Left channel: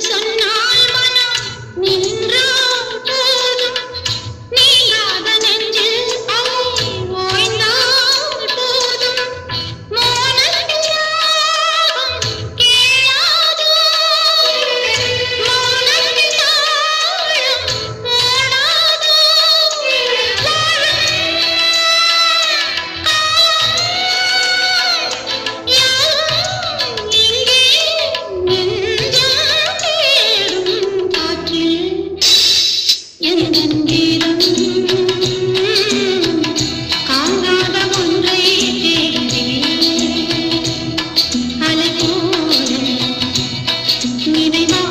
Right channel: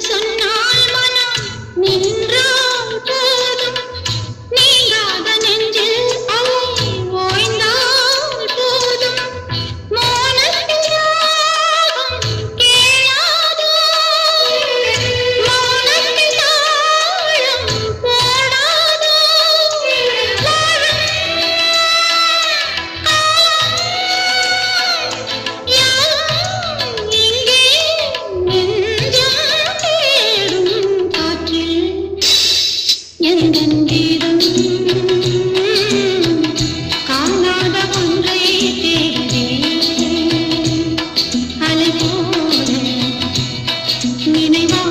சொன்னால் மனம் நின்றால் போதும் நீங்காத நெஞ்சு அலை ஓய்ந்தால் போதும் மௌனத்திராகம் கேளாதோ மௌனத்தின் ஆழம் போடாதோ யாரும் இங்கே நெஞ்சம் தேடும் காற்றில் எந்தன் வீரம் காணாத ஒன்றை தேடுவேன் அலை போல நினைவா